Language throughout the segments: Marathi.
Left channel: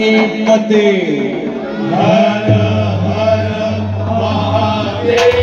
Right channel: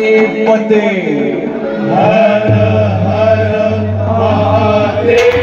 पते हर हर महादेव।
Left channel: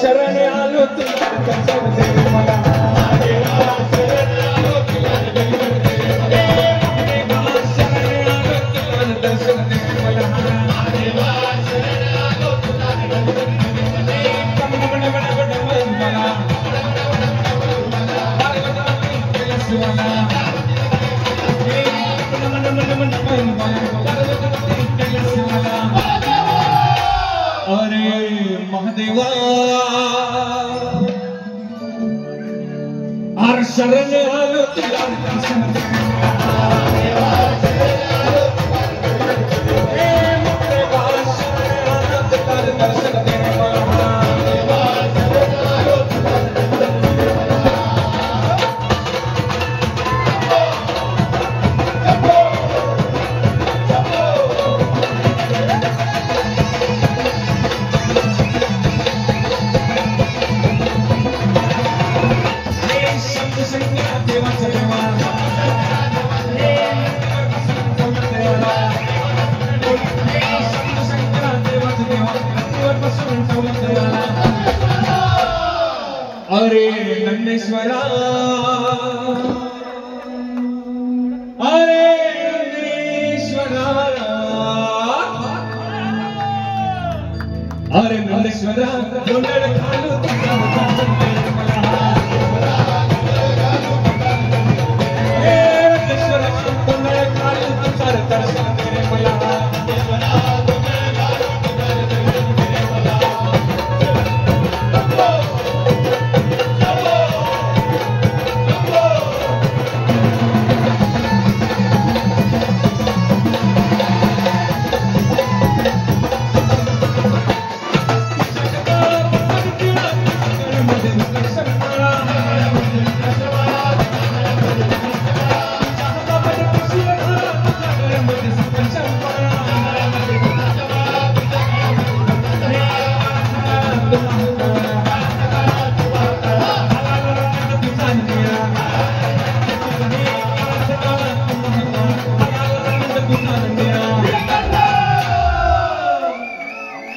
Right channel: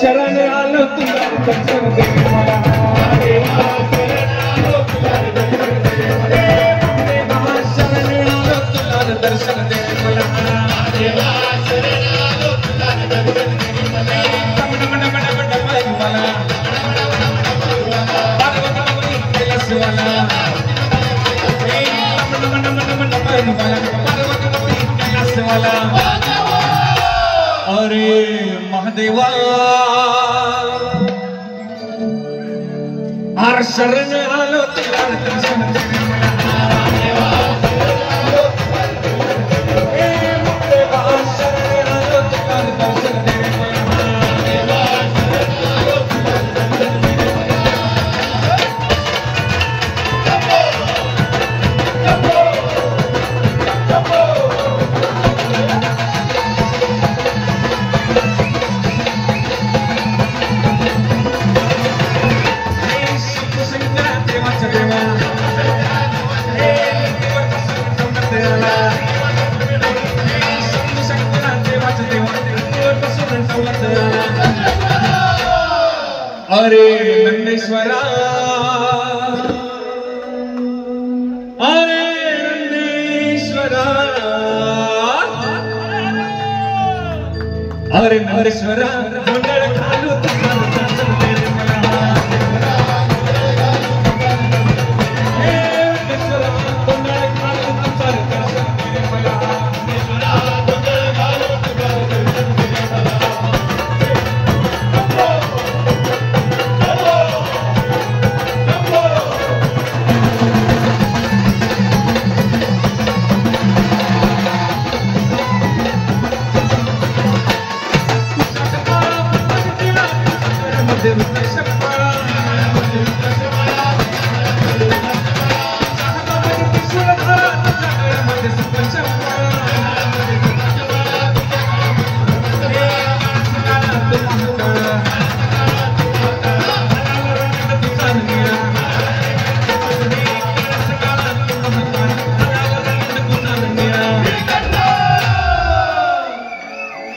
शरण आलो तुला दर्शन दे मला महादेवा, शरण आलो तुला दर्शन दे मला महादेवा, शरण आलो तुला दर्शन दे मला नमन नमन नमन मला पार्वती कैलासवाला हे नमन नमन नमन मला पार्वती कैलासवाला अरे महादेवा आर शरण आलो तुला दर्शन दे मला महादेवा, शरण आलो तुला दर्शन दे मला महादेवा, शरण आलो तुला दर्शन दे मला अरे नंदेश्वरा, अरे नंदेश्वरा, अरे नंदेश्वरा मंडळ घालू तुझा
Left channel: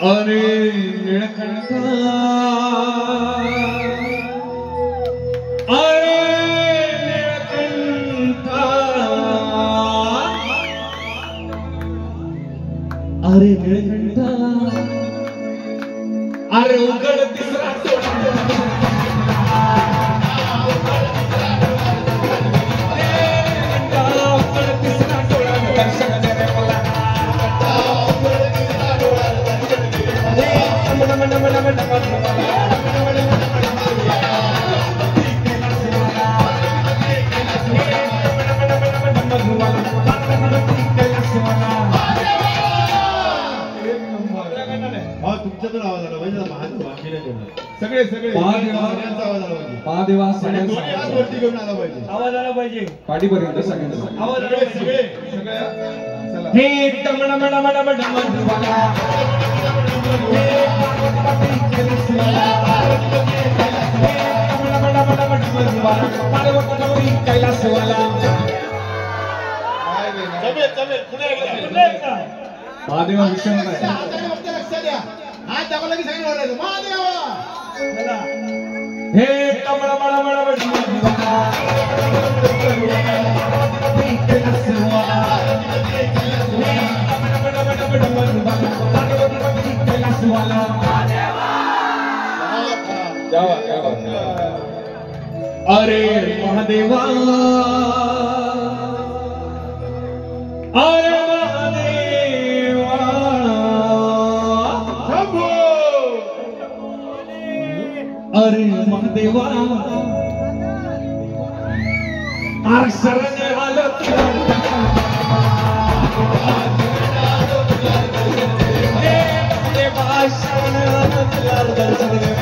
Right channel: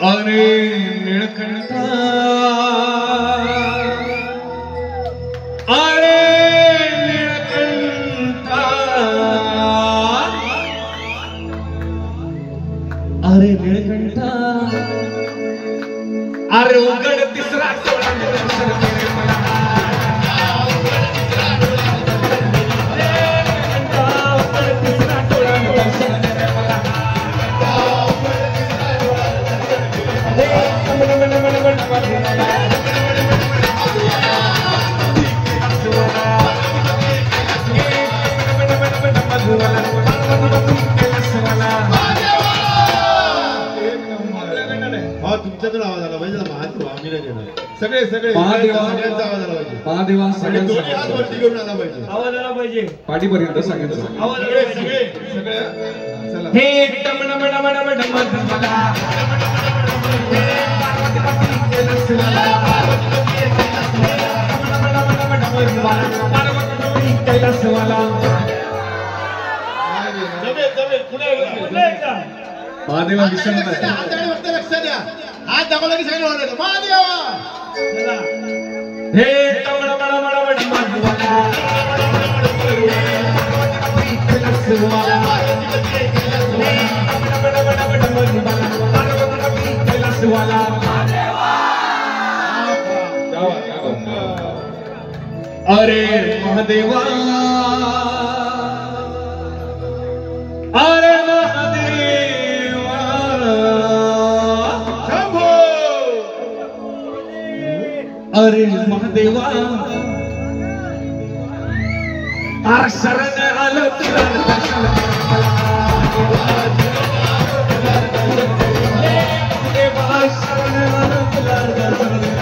अरे नीलकंठा, अरे नीलकंठा, अरे नीलकंठा, अरे उघड तिसरा तुमच्यातून आवाज आला पाहिजे महादेव आम्ही सगळे सगळे महादेवा आवाज आला पाहिजे महादेवा सगळ्यांचा वरती घेऊन आला पाहिजे आवाज आला पाहिजे पाठीपर्यंत सगळ्यांचा आवाज आला पाहिजे सगळे हे टमण मण मण मण मण मला हे पार्वती कैलासवाला पार्वती कैलासवाला महादेवा विषम लक्ष द्या हात दाखवला की सगळे ओरडले महादेवा हे टमण मण मण मण अरे महादेवा देवा शरण आलो तुला देवा शरण आलो तुला